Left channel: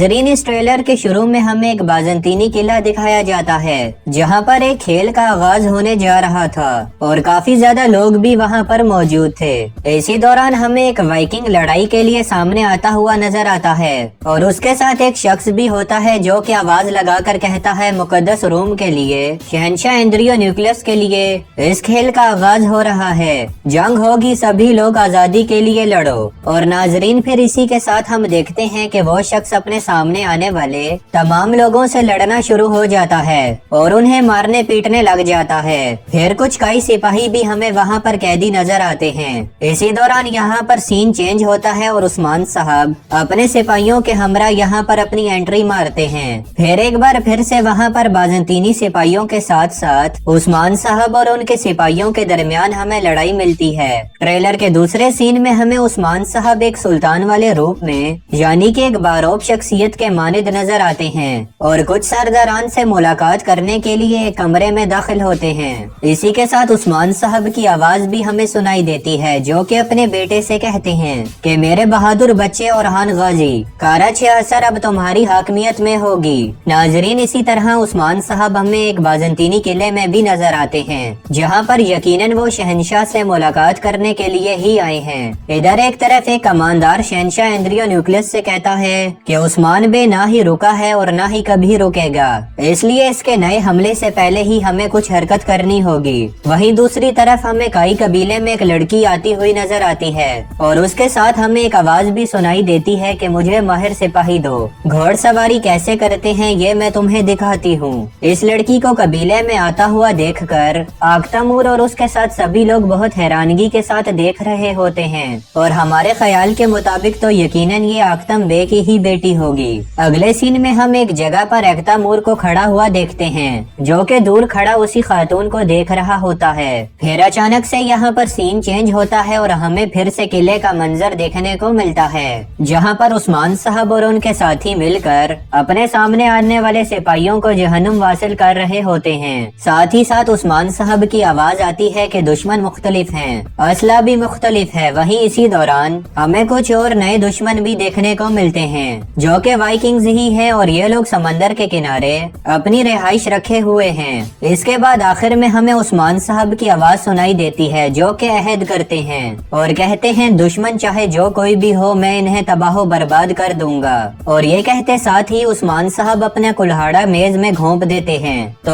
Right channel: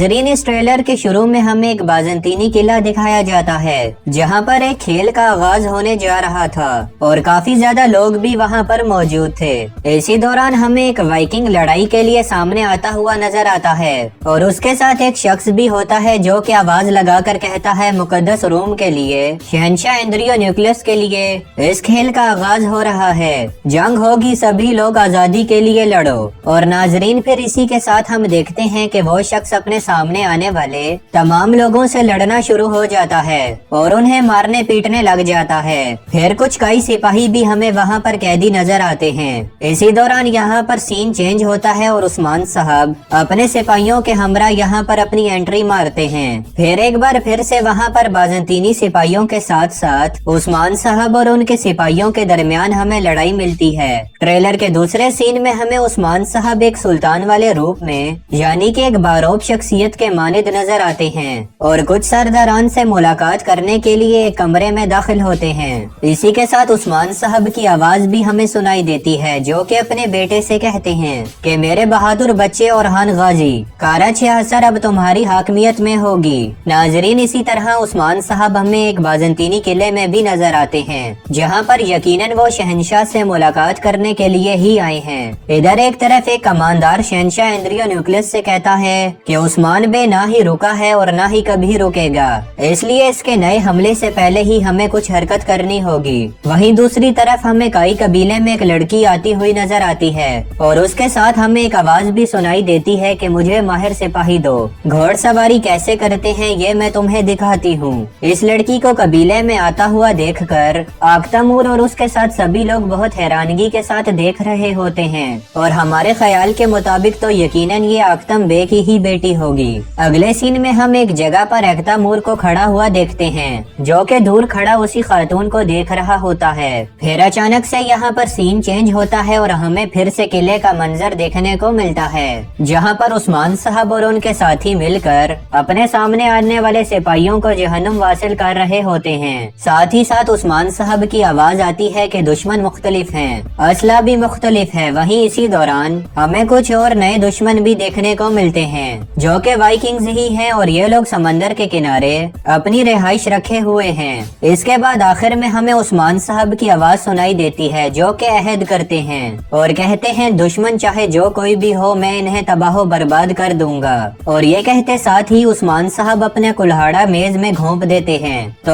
नाजरीन, इस ट्रेलर के शुरू में हमें एक बाज़ंतीनी किला दिखाया जाता है जहां पर एक खेल का आगाज होने जा रहा था और काफी ज्यादा लोग भी वहां पर मौजूद थे। इसी दौरान हमें एक वाइकिंग लड़ाई के लिए सामने आता हुआ नजर आता है और उसके साथ एक शख्स भी होता है जो कि आवाज लगाकर कहता है मुकद्दस रोम के लिए, शहंशाह एंड्रियो न्यूक्लियस के लिए इस खेल का आगाज हो रहा है। जंग होगी, सभी लोग आजादी के लिए लड़ो। और नाजरीन, फिर इसी के साथ हम देखते हैं कि वो शख्स अपने सामने आने वाले तमाम लोगों से लड़ना शुरू हो जाता है और उन्हें मारने पीटने लग जाता है। फिर कुछ कई सिपाही भी हमें वहाँ पर कैदी नजर आते हैं। इसी दौरान यहाँ पर सीन चेंज होता है और उस्मान साहब अपने सिपाहियों के हमरा यहाँ पर अपनी एंट्री मारते हैं। फिर एक बार फिर से वहाँ पर बाज़ंतीनी सिपाहियों के साथ साथ उस्मान साहब और उनके सिपाहियों के दरमियान हमें लड़ाई मिलती है। ट्रेलर के दूसरे सीन में हमें उस्मान साहब एक सुल्तान वाले रूप में यानी कि एक बारोब शख्सियत के मानिद नजर आते हैं और कुछ सरदारान से मुलाकात करने के लिए एक कमरे में दाखिल होते हैं। इसी के साथ उस्मान साहब की आवाज भी हमें सुनाई देती है जो कि अपने बेटे से कहते हैं कि मेरे बहादुर बच्चे औरहान गाजी, कारज असर अब तुम्हारी हाकमियत में होगी। नाजरीन, इसी तरह उस्मान साहब हमें एक बाज़ंतीनी किले में भी नजर आते हैं जहाँ पर यकीनन वो शहंशाह से मुलाकात करने के लिए ही आए हैं। इधर एक तरफ एक कमांडर शहंशाह एंड्रियो न्यूक्लियस से कहता है कि उस्मान बे ना ही रुका है और ना ही कभी रुकेगा, इसलिए इसके नए हमले से पहले ही हमें कुछ हरकत करनी होगी। वहीं दूसरी तरफ हमें काई कबीले में एक लड़की आती हुई नजर आती है और उसके साथ हमें एक आवाज भी सुनाई देती है कि मुझे माहिर सिपाही दो, घोड़सवारी कैसे करते हैं ये मैं तुम्हें दिखाती हूँ। इस लड़की को कबीले में आता हुआ देखकर आख्तमूर और उसके साथ सभी लोग बहुत हैरानगी के साथ देख रहे होते हैं और हमारे ख्याल के मुताबिक तो यकीनन ये आख्तम बे की ही बेटी होगी। अगले सीन में हम एक जगह पर आख्तमूर को खड़ा हुआ देखते हैं जो कि दूर खड़ा उसी खातून को देख रहा होता है। फिर अचानक से यहाँ पर सीन चेंज होता है और हमें फिर से किले का मंजर देखने को मिलता है जहाँ पर उस्मान साहब और उनके साथी मिलकर अपने सामने आने वाले सिपाहियों को जहन्नुम वासिल कर रहे होते हैं। साथ ही साथ उस्मान साहब की आवाज आती है कि दुश्मन मुख्तलिफ हैं, असला भी मुख्तलिफ है। वहीं इसी दौरान हमें कुछ और नए दुश्मन भी देखने को मिलते हैं जो कि वाइकिंग्स ही हैं और ये लोग समंदर के किनारे अपनी रिहाइश रखे हुए हैं। इसके बाद आखिर में हमें उस्मान साहब की आवाज सुनाई देती है जो कि अहद करते हैं और कहते हैं दुश्मन चाहे जो कोई भी हो मैं इन्हें तबाह बर्बाद कर दूंगा। और ये कहते साथ ही उस्मान साहब अपने कुल्हाड़ा मेज में घोंप देते हैं। तो